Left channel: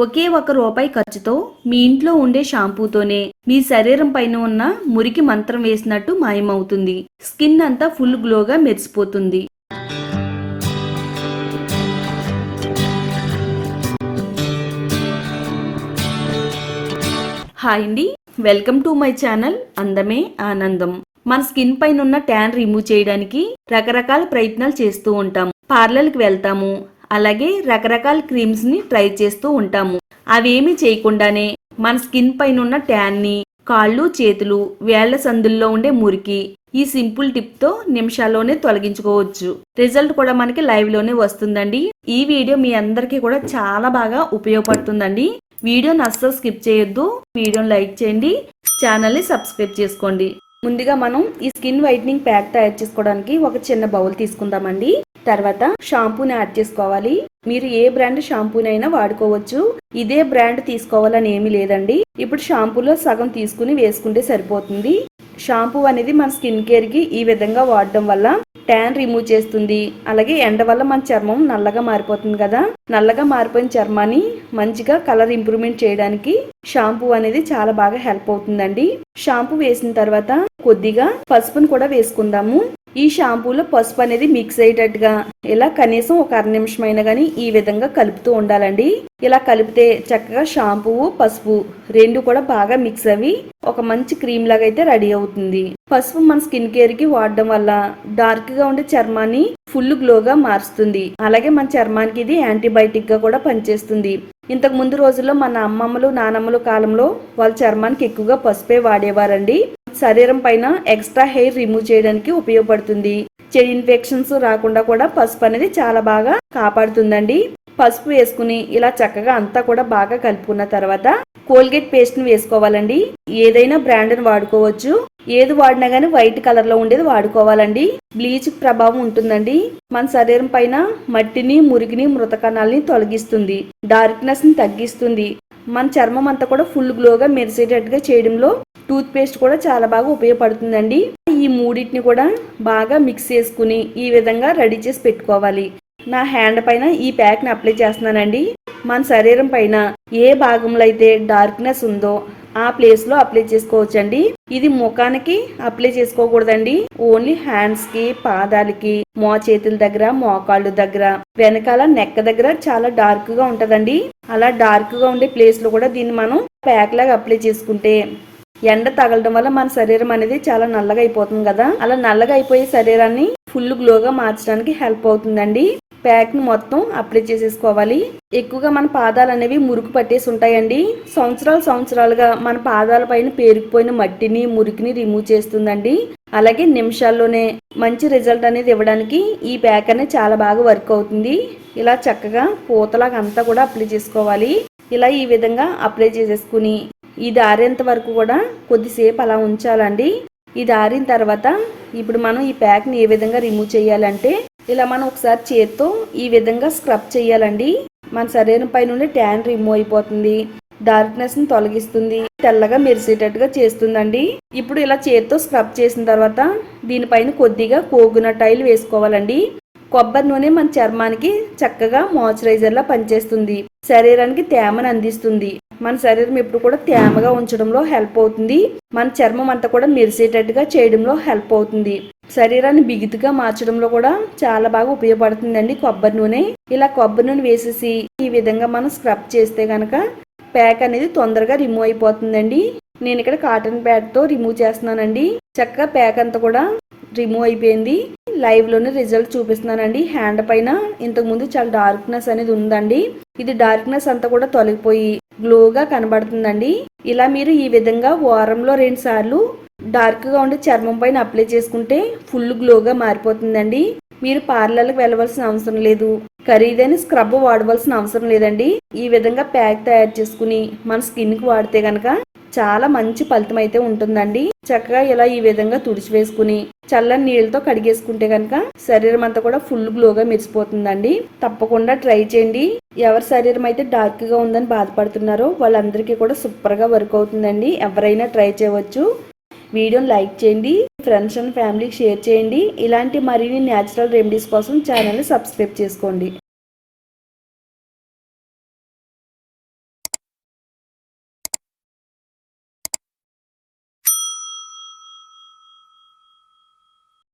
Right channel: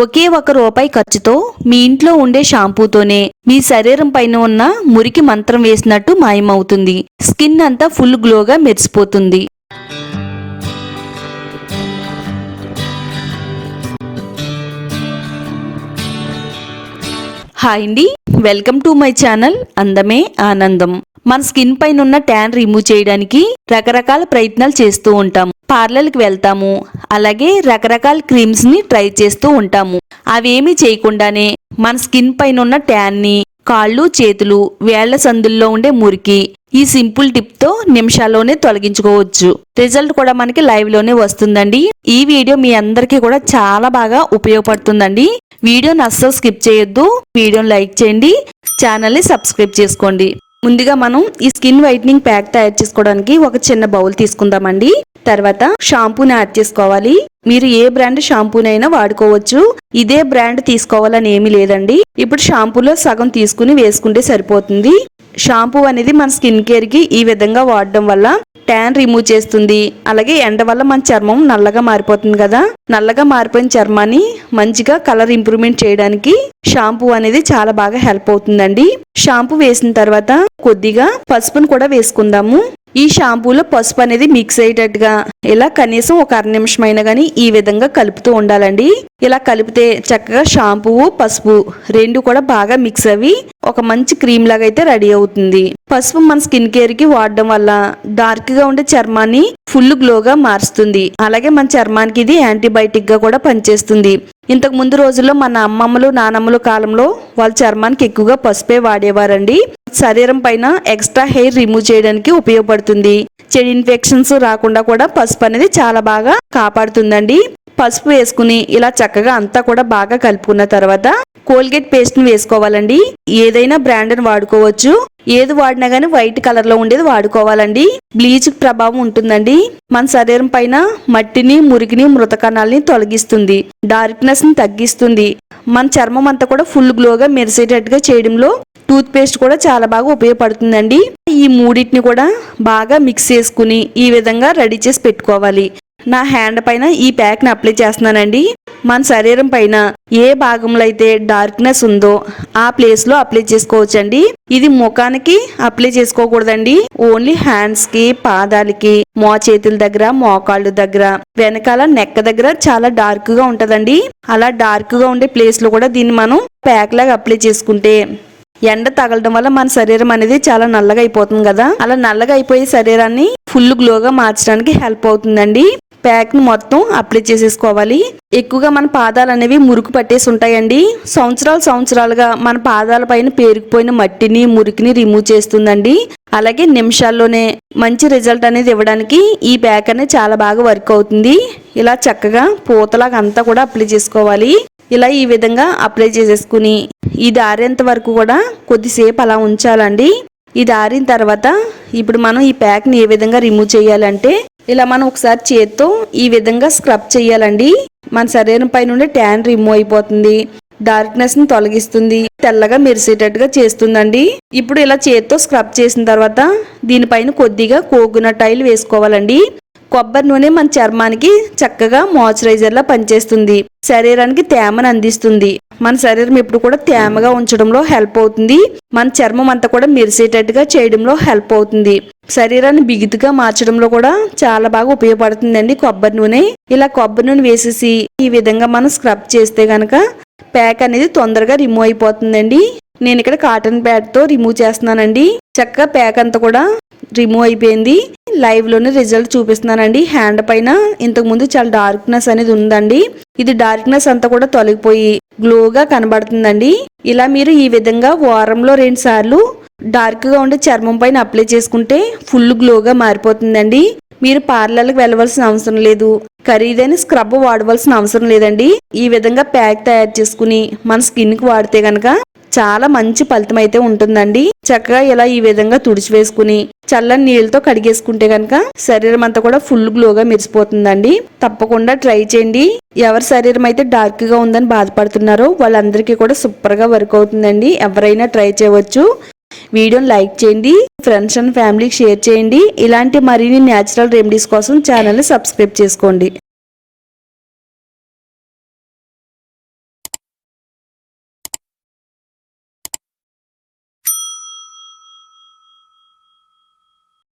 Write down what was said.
ఒకే ₹1 ఖర్చుతో మీ ఇంట్లో ఉండే షాంపూతోనే మీ శరీరం పైన ఉన్న మురికి మంత్రం వేసినట్టు మాయమవుతుంది. స్కిన్ అంతా ఫుల్ గ్లోగా మెరిసిపోతుంది. హాయ్ అండి, వెల్కమ్ టు మై ఛానల్ అందమే ఆనందం. మన స్కిన్ పైన ఉన్న ట్యాన్ రిమూవ్ చేయడానికి రకరకాల ప్రయత్నాలు చేస్తూ ఉంటాం. పార్లర్కి వెళ్తాము, అలాగే రకరకాల క్రీమ్స్ ని ట్రై చేస్తూ ఉంటాము. అవేమీ చేయకుండానే మన స్కిన్ పైన ఉన్న ట్యాన్ ని, కాళ్ళు చేతులు వేళ్ల సందుల్లో ఉండే మురికి ఈ సింపుల్ టిప్ తో నిమిషాల్లోనే తొలగించుకోవచ్చు. రిజల్ట్ కూడా మనకి లైవ్ లోనే వస్తుందండి. ఈ వీడియో మీ అందరికీ కూడా చాలా బాగా ఉపయోగపడుతుందండి. వీడియోని అస్సలు స్కిప్ చేయొద్దు. వీడియోని లైక్ చేయండి, ఛానల్ ని సబ్స్క్రైబ్ చేసుకోండి. ముందుగా మనం ఈ స్కిన్ వైట్నింగ్ ప్యాక్ తయారు చేసుకోవడానికి ఒక చిన్న బౌల్ తీసుకుందామండి. తర్వాత షాంపూని యాడ్ చేసుకోవాలి. మీరు ఏ బ్రాండ్ షాంపూనైనా వాడుకోవచ్చు. ఇదే బ్రాండ్ తీసుకోవాలని ఏమీ లేదండి. ఇప్పుడు షాంపూలో సగం తీసుకుని వేసుకుంటే సరిపోతుంది. షాంపూ అనేది మన స్కిన్ కేర్ కి ఈ విధంగా వాడడం వల్ల ట్యాన్ రిమూవ్ చేస్తుంది. అలాగే ఎండ వల్ల మన చర్మం నల్లగా మారిపోతుంది కదా, నల్లగా మారిపోయిన చర్మాన్ని మంచిగా కలర్ ఇంప్రూవ్మెంట్ చేయడానికి షాంపూ అనేది చాలా బాగా హెల్ప్ అవుతుందండి. షాంపూ వేసిన తర్వాత కొద్దిగా పసుపును కూడా వేసుకుందాము. ఈ షాంపూలో పసుపు అనేది మిక్స్ అయ్యేటట్టుగా ఇలా కనీసం ఒక 1/2 నిమిషం అయినా కానీ ఈ విధంగా కలుపుతూ ఉండాలండి. ఇలా కలిపితే చక్కగా షాంపూ పసుపు రెండు కూడా బాగా మిక్స్ అవి ఒక మంచి క్రీమ్ లాగా అయితే రెడీ అవుతుంది. పసుపు మన స్కిన్ కేర్ కి వాడడం వల్ల డార్క్ గా ఉండే చర్మాన్ని ఫుల్ గ్లోగా మారుస్తుంది. అలాగే మన చర్మానికి ఇది యాంటీబయాటిక్ గా కూడా పనిచేస్తుంది. ఇంతకు ముందు రోజుల్లో మన అమ్మమ్మలు నానమ్మలు కాలంలో వాళ్ళ చర్మానికి ఎక్కువగా పసుపే వాడేవారండి. శరీరం పైన ఎక్స్ట్రా హెయిర్ రిమూవ్ చేయడానికి ఉపయోగపడుతుంది. చెడు ఇన్ఫెక్షన్స్ రాకుండా కూడా పసుపు అనేది చాలా బాగా కాపాడుతుందండి. పసుపు వేసుకుని ఇలా చక్కగా అంతా కూడా బాగా కలుపుకున్న తర్వాత కోల్గేట్ పేస్ట్ ని వేసుకోవాలండి. ఏదైనా బ్రాండ్ ని వాడుకోవచ్చు. ఏది వాడినా గానీ వైట్ కలర్ లో ఉండేది వాడుకోవాలండి. బ్లీచ్ ప్రభావం ఉంటుందండి. మన శరీరం పైన మట్టిని, మురికిని, మృత కణాలని తొలగిస్తుంది. డార్క్నెస్ ని తగ్గిస్తుంది. మన చర్మం అంతా కూడా ఫుల్ గ్లోగా మెరిసేటట్టుగా చేయడంలో టూత్ పేస్ట్ కూడా చాలా బాగా ఉపయోగపడుతుందండి. ఈ మూడింటిని కూడా బాగా మిక్స్ చేసుకుని ఈ విధంగా రెడీ చేసి పెట్టుకోవాలి. నా హ్యాండ్ పైన ఈ ప్యాక్ ని అప్లై చేస్తున్నానండి. మన శరీరం పైన ఏ భాగంలో అయితే డార్క్నెస్ ఉందో ఆ ప్లేస్ లో అప్లై చేసుకోవచ్చండి. ఇది ముఖానికి అప్లై చేసుకోకూడదండి. ఓన్లీ హ్యాండ్స్ కి, పాదాలకి, చేతుల దగ్గర, మోకాళ్ళ దగ్గర, వెనకాల నెక్ దగ్గర చాలా డార్క్ గా ఉంటదండి. అలా డార్క్ గా ఉండే ప్లేస్ లో కూడా దీన్ని మనం ప్యాక్ లాగా అప్లై చేసుకుంటే ఎండ తగలడం వల్ల మన శరీరం అనేది చాలా నల్లగా అయిపోతుంది కదా, అలా నల్లగా అయిపోయే శరీరాన్ని ఫుల్ గ్లోగా మార్చడానికి హెల్ప్ అవుతుందండి. ప్యాక్ ను మొత్తం అప్లై చేసేసుకోవాలి. ఎక్కువగా మన పాదాలు అనేవి మురికి పట్టేసి ఉంటాయండి. సంవత్సరాలుగా మన పాదాల పైన పేరుకుపోయిన మట్టిని, మురికిని రిమూవ్ చేస్తుందండి. అలాగే నిమిషాల్లోనే మంచి రిజల్ట్ అనేది ఇవ్వడానికి ఈ ప్యాక్ అనేది చాలా బాగా వర్క్ అవుతుంది. ఇలా చక్కగా పూతలాగా అంతా కూడా అప్లై చేసుకోవాలి. ఇలా ఈ విధంగా అప్లై చేసేసుకుని ఇది ఆరేంత వరకు కూడా కొద్దిసేపు అలా ఉంచాలండి. ఇది ఆరిన తర్వాత ఇప్పుడు మనం ఈ ప్యాక్ ని ఏ విధంగా రిమూవ్ చేయాలంటే ఇలా మనం ఒకసారి చేత్తో ఈ విధంగా స్క్రబ్ చేయాలండి. మన శరీరం పై నుండి ట్యాన్ రిమూవ్ అయిపోతుంది. డార్క్నెస్ ని తొలగిస్తుంది. తెల్లగా మెరిసేటట్టుగా చేస్తుందండి. ఇప్పుడు ఇలా చేత్తో స్క్రబ్ చేసిన తర్వాత దీనిపైన కొద్దిగా కోకోనట్ ఆయిల్ వేసుకోవాలండి. కొబ్బరి నూనె మన చర్మానికి చక్కగా మాయిశ్చరైజర్ లా పనిచేస్తుంది. శరీరానికి తేమను అందిస్తుంది. మన శరీరం ఎప్పుడు కూడా తేమగా ఉంచడంలో హెల్ప్ అవుతుంది. మన చర్మం అంతా కూడా మెరిసేటట్టుగా చేయడంలో హెల్ప్ అవుతుంది. శరీరాన్ని బిగుతుగా మార్చడంలో కూడా చాలా బాగా ఉపయోగపడుతుందండి కొబ్బరి నూనె. ఇలా కొబ్బరి నూనె వేసేసి ఈ విధంగా మనం స్క్రబ్ చేస్తే గనక ప్యాక్ అనేది తొందరగా రిమూవ్ అయిపోతుందండి. నేను ఇక్కడ కాటన్ ప్యాడ్ తో రిమూవ్ చేస్తున్నానండి. చక్కగా ప్యాక్ అంతా కూడా రిమూవ్ అయిపోయింది. లైవ్ లోనే రిజల్ట్ చూపిస్తున్నానండి. హ్యాండ్ పైన ఇంతకు ముందు చాలా డార్క్నెస్ అనేది ఉందండి. ఇది డార్క్నెస్ అంతా కూడా తొలగిపోయి గ్లోగా కనబడుతుందండి. ఇలా మీరు ఈ విధంగా వారంలో 2 సార్లు డార్క్ గా ఉండే చర్మం పైన అప్లై చేసుకుంటే ఫుల్ గ్లోగా మారిపోతుందండి. మీరు పార్లర్లకు వెళ్ళవలసిన అవసరం లేదు. ఖరీదైన స్క్రబ్ వాడవలసిన అవసరం లేదండి. ఈ విధంగా ప్యాక్ తయారు చేసుకుని మన స్కిన్ కి వాడితే గనక చాలా మంచి ఫలితం అయితే ఉంటుందండి. చక్కగా ఇలా ఈ విధంగా తుడిచివేసుకుని చల్లని నీళ్ళతో కడిగేసుకుంటే కనుక శరీరం అంతా కూడా ఫుల్ గ్లోగా మెరిసిపోతుందండి. తప్పకుండా ట్రై చేయండి. ఎవరి శరీరం అయితే డార్క్ గా ఉందని బాధపడుతున్నారో వాళ్ళందరికీ కూడా సూపర్ గా వర్క్ అవుతుందండి. ఎవరైనా ట్రై చేయవచ్చు. వీడియోని లైక్ చేయండి, ఫ్రెండ్స్ అండ్ ఫ్యామిలీకి షేర్ చేయండి. ఇలాంటి మరిన్ని న్యాచురల్ రెమెడీస్ కోసం ఛానల్ని సబ్స్క్రైబ్ చేసుకోండి.